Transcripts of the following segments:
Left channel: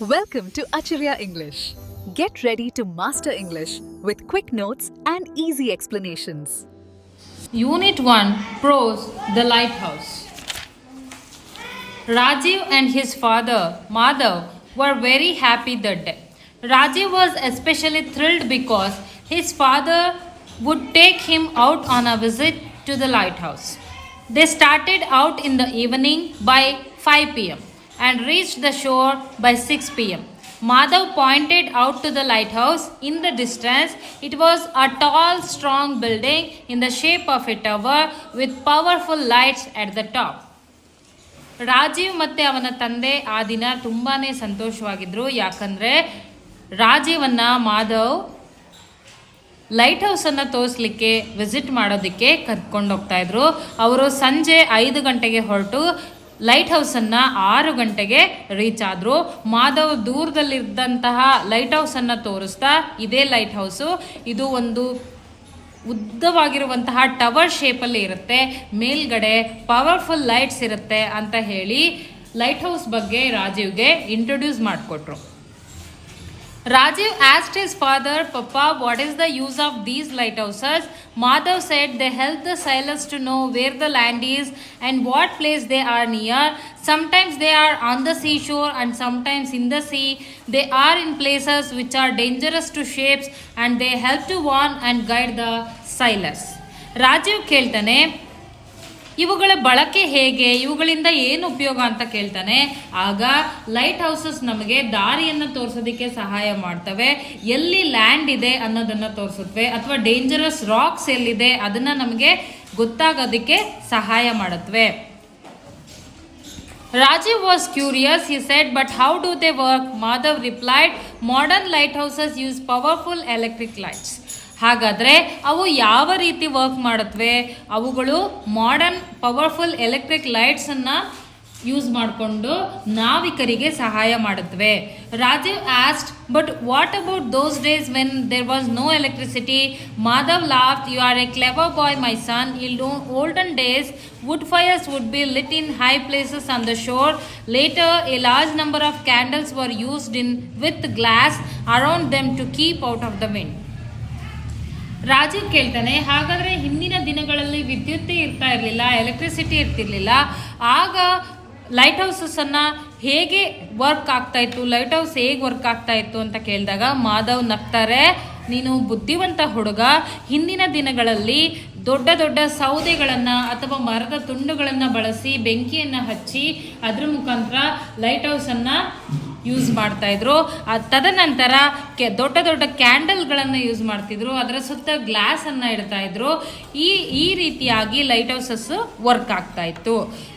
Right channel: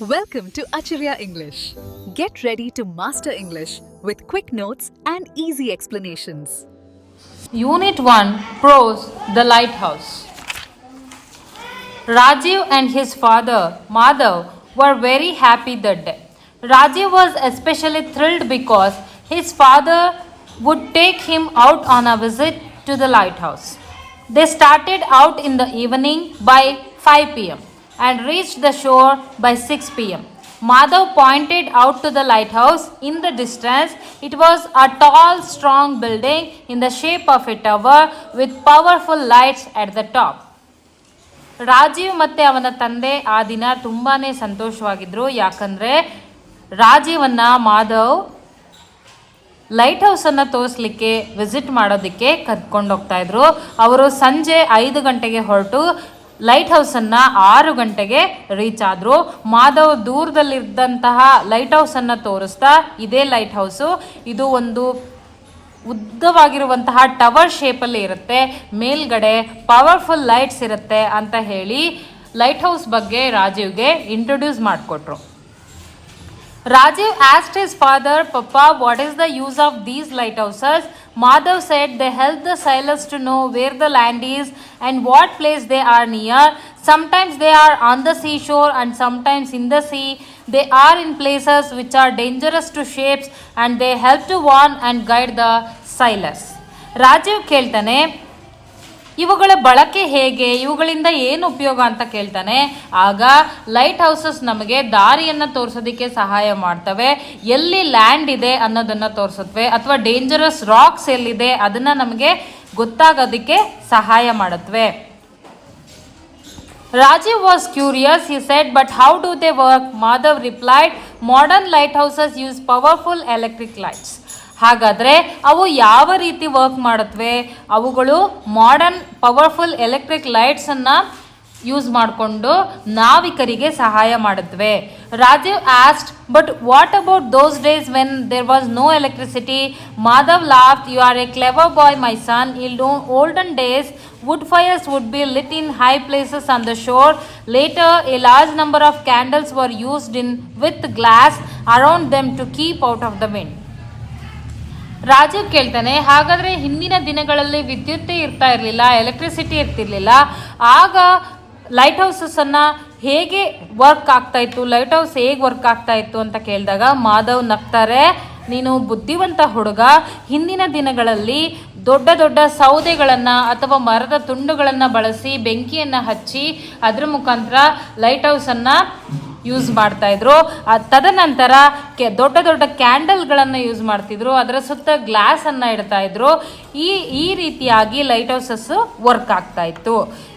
Welcome to Acharya English. Get ready to master English with quick notes and easy explanations. Unit 1 Prose The Lighthouse. Rajiv and his father Madhav were very happy that day. Rajiv was especially thrilled because his father would take him out on a visit to the lighthouse. They started out in the evening by 5 pm and reached the shore by 6 pm. Madhav pointed out to the lighthouse in the distance. It was a tall, strong building in the shape of a tower with powerful lights at the top. Rajiv ಮತ್ತು ಅವನ ತಂದೆ ಆ ದಿನ ತುಂಬಾ ಸಂತೋಷವಾಗಿದ್ದರು. ಯಾಕಂದರೆ ರಾಜೀವನ್ನು Madhav light ಹೌಸನ್ನು ತೋರಿಸ್ಲಿಕ್ಕೆ visit ಮಾಡೋದಕ್ಕೆ ಕರ್ಕೊಂಡು ಹೋಗ್ತಾ ಇದ್ರು. ಅವರು ಸಂಜೆ 5 ಗಂಟೆಗೆ ಹೊರಟು ಲೈಟ್ ಹೌಸನ್ನು 6 ಗಂಟೆಗೆ ರೀಚ್ ಆದರು. ಮಾಧವ್ ದೂರದಲ್ಲಿದ್ದಂತಹ ಲೈಟ್ ಹೌಸನ್ನು ತೋರಿಸ್ತಾ, ಇದೇ ಲೈಟ್ ಹೌಸು, ಇದು ಒಂದು ಉದ್ದವಾಗಿರುವಂತಹ ಟವರ್ ಶೇಪಲ್ಲಿ ಇರುತ್ತೆ, ಮೇಲ್ಗಡೆ ಪವರ್ಫುಲ್ ಲೈಟ್ಸ್ ಇರುತ್ತೆ ಅಂತ ಹೇಳಿ ಲೈಟ್ ಹೌಸ್ ಬಗ್ಗೆ ರಾಜೀವ್ಗೆ ಇಂಟ್ರೊಡ್ಯೂಸ್ ಮಾಡಿಕೊಟ್ರು. Rajiv asked his father, Papa, what is the use of these lighthouses? Madhav said they help the sailors to know where the land is and what place they are near. Sometimes they are on the seashore and sometimes in the sea. They are in places which are dangerous to ships and they help to warn and guide the sailors. Rajiv ಕೇಳ್ತಾನೆ, ಇವುಗಳ ಬಳಕೆ ಹೇಗೆ, ಇವುಗಳಿಂದ ಏನು ಉಪಯೋಗ ಅಂತ ಕೇಳ್ತಾನೆ. ಆಗ ಲೈಟ್ ಹೌಸಸ್ ನಮಗೆ ದಾರಿಯನ್ನು ತೋರಿಸೋದಕ್ಕೆ ಸಹಾಯ ಮಾಡ್ತವೆ, ಎಲ್ಲಿ ಲ್ಯಾಂಡ್ ಇದೆ ಅನ್ನೋದನ್ನು ತೋರಿಸುತ್ತವೆ, ಅಥವಾ ಡೇಂಜರಸ್ ರಾಕ್ಸ್ ಎಲ್ಲಿದೆ ಅದನ್ನು ನಮಗೆ ಗೊತ್ತಾಗೋದಕ್ಕೆ ಸಹಾಯ ಮಾಡುತ್ತವೆ. Rajiv was curious. He said, but how do they work? Madhav replied, modern lighthouses use powerful electric lights. ಹಾಗಾದರೆ ಅವು ಯಾವ ರೀತಿ ವರ್ಕ್ ಮಾಡುತ್ತವೆ? ಅವುಗಳು ಮಾಡರ್ನ್ ಪವರ್ಫುಲ್ ಎಲೆಕ್ಟ್ರಿಕ್ ಲೈಟ್ಸನ್ನು ಯೂಸ್ ಮಾಡಿಕೊಂಡು ನಾವಿಕರಿಗೆ ಸಹಾಯ ಮಾಡುತ್ತವೆ. Rajeev asked, but what about those days when there was no electricity? Madhav laughed, you are a clever boy my son. In olden days wood fires would be lit in high places on the shore. Later a large number of candles were used with glass around them to keep out of the wind. Rajeev ಕೇಳ್ತಾನೆ, ಹಾಗಾದರೆ ಹಿಂದಿನ ದಿನಗಳಲ್ಲಿ ವಿದ್ಯುತ್ತೇ ಇರ್ತಾ ಇರಲಿಲ್ಲ, electricity ಇರ್ತಿರ್ಲಿಲ್ಲ, ಆಗ light ಹೌಸಸ್ಸನ್ನು ಹೇಗೆ work ಆಗ್ತಾ ಇತ್ತು, ಲೈಟ್ ಹೌಸ್ ಹೇಗೆ ವರ್ಕ್ ಆಗ್ತಾ ಇತ್ತು ಅಂತ ಕೇಳಿದಾಗ ಮಾಧವ್ ನಗ್ತಾರೆ, ನೀನು ಬುದ್ಧಿವಂತ ಹುಡುಗ. ಹಿಂದಿನ ದಿನಗಳಲ್ಲಿ ದೊಡ್ಡ ದೊಡ್ಡ ಸೌದೆಗಳನ್ನು ಅಥವಾ ಮರದ ತುಂಡುಗಳನ್ನು ಬಳಸಿ ಬೆಂಕಿಯನ್ನು ಹಚ್ಚಿ ಅದರ ಮುಖಾಂತರ ಲೈಟ್ ಹೌಸನ್ನು ಯೂಸ್ ಮಾಡ್ತಾಯಿದ್ರು. ತದನಂತರ ದೊಡ್ಡ ದೊಡ್ಡ ಕ್ಯಾಂಡಲ್ಗಳನ್ನು ಯೂಸ್ ಮಾಡ್ತಿದ್ರು, ಅದರ ಸುತ್ತ ಗ್ಲಾಸನ್ನು ಇಡ್ತಾ ಇದ್ರು. ಈ ರೀತಿಯಾಗಿ ಲೈಟ್ ಹೌಸಸ್ ವರ್ಕ್ ಆಗ್ತಾ ಇತ್ತು.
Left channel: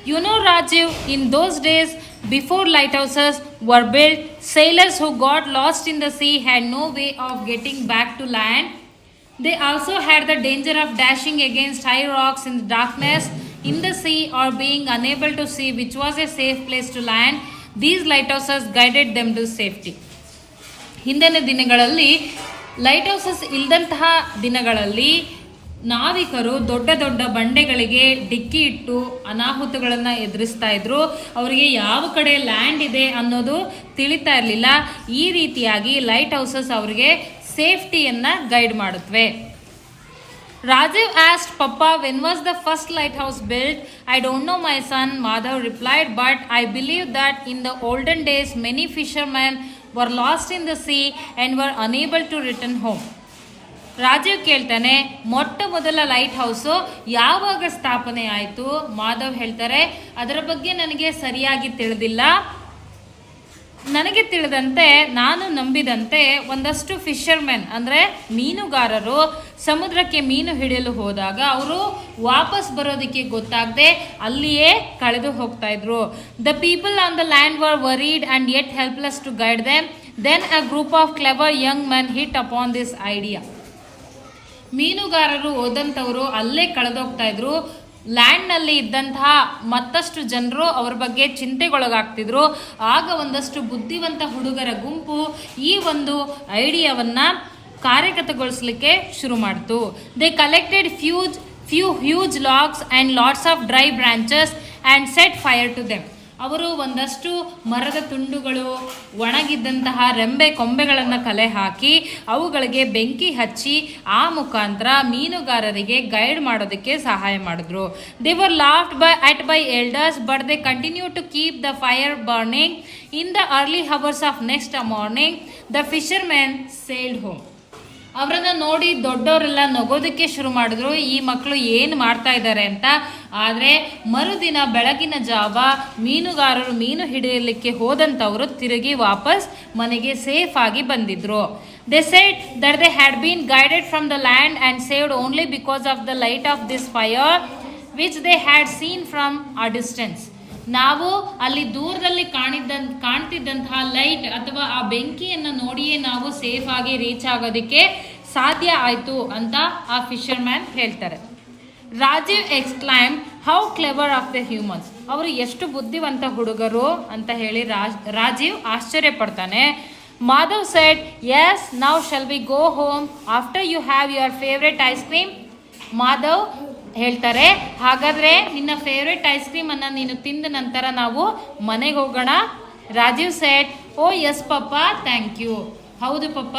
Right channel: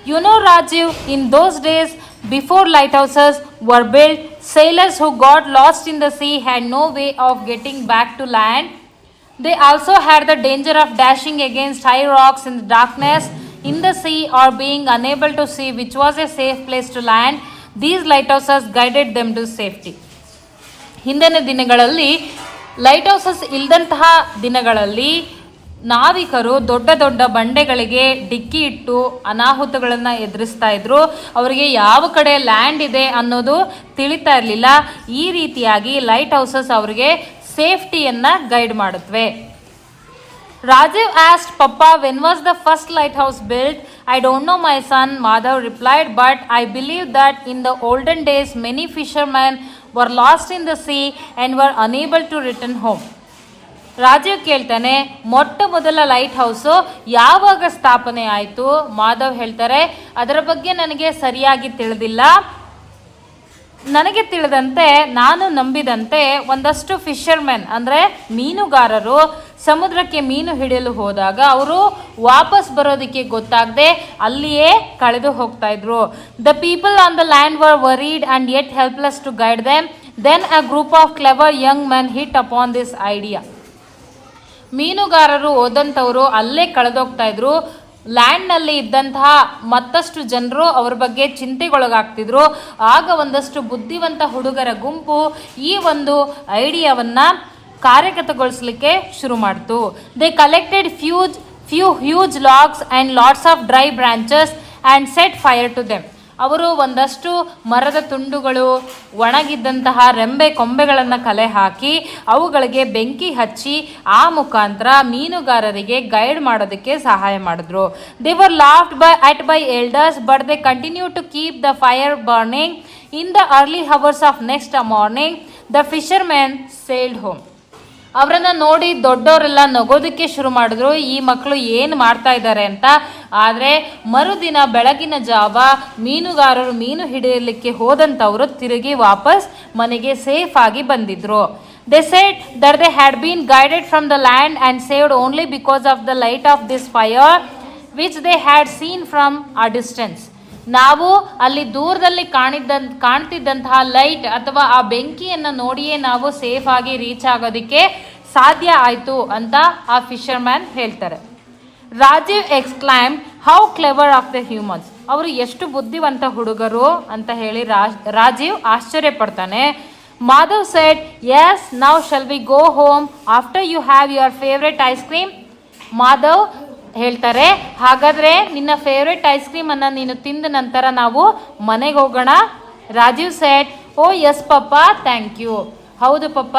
You know Rajeev, in those days before lighthouses were built, sailors who got lost in the sea had no way of getting back to land. They also had the danger of dashing against high rocks in the darkness in the sea or being unable to see which was a safe place to land. These lighthouses guided them to safety. ಹಿಂದಿನ ದಿನಗಳಲ್ಲಿ light houses ಇಲ್ಲದಂತಹ ದಿನಗಳಲ್ಲಿ ನಾವಿಕರು ದೊಡ್ಡ ದೊಡ್ಡ ಬಂಡೆಗಳಿಗೆ ಡಿಕ್ಕಿ ಇಟ್ಟು ಅನಾಹುತಗಳನ್ನು ಎದುರಿಸ್ತಾ ಇದ್ರು. ಅವರಿಗೆ ಯಾವ ಕಡೆ ಲ್ಯಾಂಡ್ ಇದೆ ಅನ್ನೋದು ತಿಳಿತಾ ಇರಲಿಲ್ಲ. ಈ ರೀತಿಯಾಗಿ ಲೈಟ್ ಹೌಸಸ್ ಅವರಿಗೆ ಸೇಫ್ಟಿಯನ್ನು ಗೈಡ್ ಮಾಡುತ್ತವೆ. Rajiv asked, Papa, when was the first lighthouse built? I don't know, my son, Madhav replied, but I believe that in the olden days many fishermen were lost in the sea and were unable to return home. Rajeev ಕೇಳ್ತಾನೆ, ಮೊಟ್ಟ ಮೊದಲ light house ಯಾವಾಗ ಸ್ಥಾಪನೆ ಆಯಿತು? ಮಾಧವ್ ಹೇಳ್ತಾರೆ, ಅದರ ಬಗ್ಗೆ ನನಗೆ ಸರಿಯಾಗಿ ತಿಳಿದಿಲ್ಲ. ನನಗೆ ತಿಳಿದಂತೆ, ನಾನು ನಂಬಿದಂತೆ ಒಂದಷ್ಟು ಫಿಶರ್ಮೆನ್ ಅಂದರೆ ಮೀನುಗಾರರು ಸಮುದ್ರಕ್ಕೆ ಮೀನು ಹಿಡಿಯಲು ಹೋದಾಗ ಅವರು ವಾಪಸ್ ಬರೋದಕ್ಕೆ ಗೊತ್ತಾಗದೆ ಅಲ್ಲಿಯೇ ಕಳೆದು ಹೋಗ್ತಾ ಇದ್ರು. The people on the land were worried and yet helpless to guide them. Then a group of clever young men hit upon this idea. ಮೀನುಗಾರರು ಹೋದಂಥವರು ಅಲ್ಲೇ ಕಳೆದೋಗ್ತಾ ಇದ್ರು. ಲ್ಯಾಂಡ್ನಲ್ಲಿ ಇದ್ದಂತಹ ಮತ್ತಷ್ಟು ಜನರು ಅವ್ರ ಬಗ್ಗೆ ಚಿಂತೆಗೊಳಗಾಗ್ತಿದ್ರು. ಆಗ ಒಂದಷ್ಟು ಬುದ್ಧಿವಂತ ಹುಡುಗರ ಗುಂಪು ಈ ಒಂದು ಐಡಿಯಾವನ್ನು ಕಾರ್ಯಗತಗೊಳಿಸಲಿಕ್ಕೆ ಶುರು ಮಾಡ್ತು. They collected few huge logs and lots of dry branches and set fire to them. ಅವರು ಒಂದಷ್ಟು ಮರದ ತುಂಡುಗಳು, ಒಣಗಿದ್ದಂತಹ ರೆಂಬೆ ಕೊಂಬೆಗಳನ್ನು ಕಲೆ ಹಾಕಿ ಅವುಗಳಿಗೆ ಬೆಂಕಿ ಹಚ್ಚಿ ಆ ಮುಖಾಂತರ ಮೀನುಗಾರರಿಗೆ ಗೈಡ್ ಮಾಡೋದಕ್ಕೆ ಸಹಾಯ ಮಾಡಿದ್ರು. They were laughed by elders but they continue to keep the fire burning. In the early hours of next morning the fishermen sailed home. ಅವರನ್ನ ನೋಡಿ ದೊಡ್ಡವರೆಲ್ಲ ನಗೋದಕ್ಕೆ ಶುರು ಮಾಡಿದ್ರು, ಈ ಮಕ್ಕಳು ಏನು ಮಾಡ್ತಾ ಇದ್ದಾರೆ ಅಂತ. ಆದರೆ ಮರುದಿನ ಬೆಳಗಿನ ಜಾವ ಮೀನುಗಾರರು ಮೀನು ಹಿಡಿಯಲಿಕ್ಕೆ ಹೋದಂಥವರು ತಿರುಗಿ ವಾಪಸ್ ಮನೆಗೆ ಸೇಫ್ ಆಗಿ ಬಂದಿದ್ರು. They said that they had been guided from the land and saved only because of the light off this fire which they had seen from a distance. ನಾವು ಅಲ್ಲಿ ದೂರದಲ್ಲಿ ಕಾಣ್ತಿದ್ದಂತಹ ಲೈಟ್ ಅಥವಾ ಆ ಬೆಂಕಿಯನ್ನು ನೋಡಿಯೇ ನಾವು ಸೇಫ್ ಆಗಿ ರೀಚ್ ಆಗೋದಕ್ಕೆ ಸಾಧ್ಯ ಆಯಿತು ಅಂತ ಆ ಫಿಶರ್ಮ್ಯಾನ್ ಹೇಳ್ತಾರೆ. Rajeev exclaim how clever of the humans. ಅವರು ಎಷ್ಟು ಬುದ್ಧಿವಂತ ಹುಡುಗರು ಅಂತ ಹೇಳಿ ರಾಜೀವ್ ಆಶ್ಚರ್ಯ ಪಡ್ತಾನೆ. Madhav said yes now shall we go home after you have your favourite ice cream. Madhav ಹೇಳ್ತಾರೆ, ಹಾಗಾದ್ರೆ ನಿನ್ನ ಫೇವ್ರೆಟ್ ಐಸ್ ಕ್ರೀಮ್ ಅನ್ನ ನೀನು ತಿಂದ ನಂತರ ನಾವು ಮನೆಗೆ ಹೋಗೋಣ. Rajeev said oh yes papa thank you. ಹೌದು ಪಪ್ಪ,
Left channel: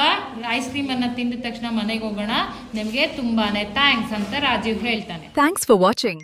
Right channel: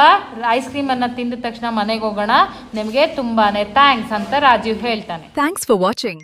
ಐಸ್ ಕ್ರೀಮ್ ಅನ್ನ ತಿಂದ ತಕ್ಷಣ ಮನೆಗೆ ಹೋಗೋಣ, ನಿಮಗೆ ತುಂಬಾನೇ ಥ್ಯಾಂಕ್ಸ್ ಅಂತ ರಾಜೀವ್ ಹೇಳ್ತಾನೆ. Thanks for watching.